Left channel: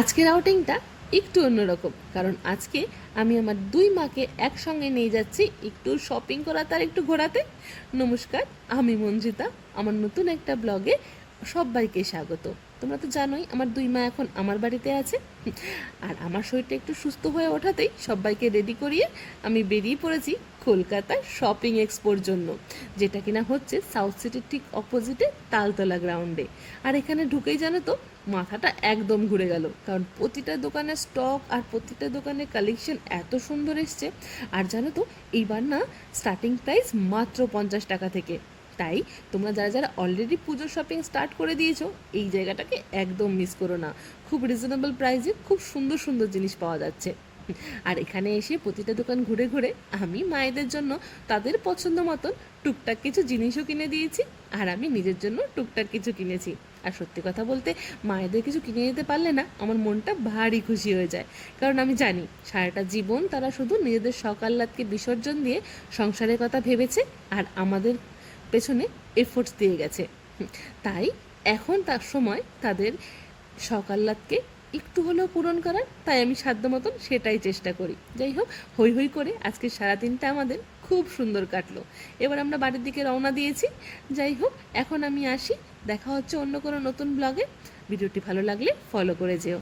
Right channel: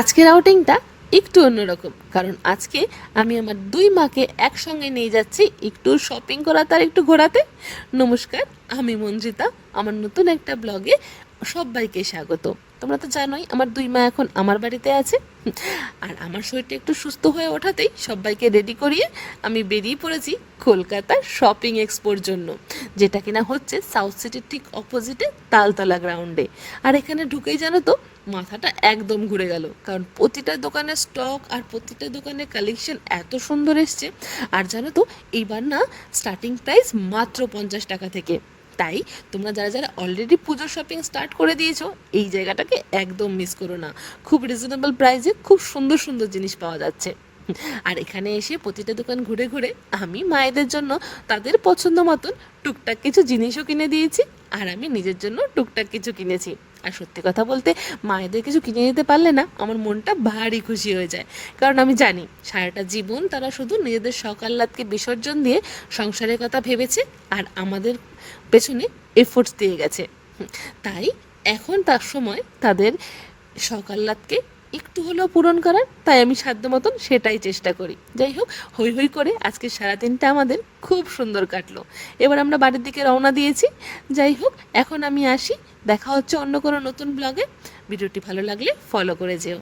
আজকের আউটিংটা একটু অন্যরকম, কারণ আজকে আমি আমার দুই মাকে একসঙ্গে নিয়ে যাচ্ছি একটু শপিং করাতে আর একটু ঘোরাতে। নমস্কার, আমি মঞ্জিতা। আমার নতুন একটা ব্লগে সবাইকে স্বাগত। তোমরা তো জানোই আমার দুই মা এখন আমার বাড়িতে আছে, আর আমার শরীরটা একটু সুস্থ হয়ে ওঠাতেই সবাইকে রেডি করিয়ে আমি বেরিয়ে পড়েছি কলকাতার শপিং এক্সপোর জন্য, যেটা কিনা হচ্ছে সাউথ সিটির ঠিক অপোজিটে তালতলা গ্রাউন্ডে। আর এখানে ঢুকেই জানো তো মাথাটা একদম ঘুরে গেল, কারণ প্রতিটা দোকানের স্টক আর প্রতিটা দোকানের কালেকশন এত সুন্দর এসছে। আর জানো তো এইবার না স্টার্টিং প্রাইস মাত্র 50 টাকা থেকে। তাই তোমরা যারা যারা অলরেডি পুজোর শপিং স্টার্ট করে দিয়েছো, এই জায়গাটাকে একদম মিস করো না। খুব রিজনেবল প্রাইসে খুব সুন্দর সুন্দর জিনিস পাওয়া যাচ্ছে। আর এখানে এসে প্রতিটা দোকান ঘুরে ঘুরে আমি মায়েদের জন্য তাদের পছন্দ মতন টুকটাক কিছু জিনিসও কিনে দিয়েছি, আর আমি নিজের জন্য টুকটাক কিছু কিনেছি। আর সত্যি কথা বলতে, মায়েদের কিছু কিনে দিতে পারলে না আমার মনটা ভারী খুশি হয়ে যায়, কারণ আমি জানি সারাটা জীবন তারা শুধু নিজেদের শখ আহ্লাদকে বিসর্জন দিয়ে সংসারের কথা ভেবেছে আর আমাদের পেছনে এফোর্টস দিয়ে গেছে। তাই এখন তার সময় তাদের শখ আহ্লাদকে একটু হলেও পূরণ করার, তাই আমি সাধ্য মতন সেটাই চেষ্টা করি। যাই হোক, হই হই করে আজকে সারাদিনটা আমাদের খুব সুন্দর কাটলো। এবার আমরা বাড়ির দিকে রওনা দিয়েছি। যাই হোক, এখন আমি আসি, দেখা হচ্ছে অন্য কোনো নতুন ব্লগে। ভিডিওটি ভালো লাগলে ফলো করে যেও।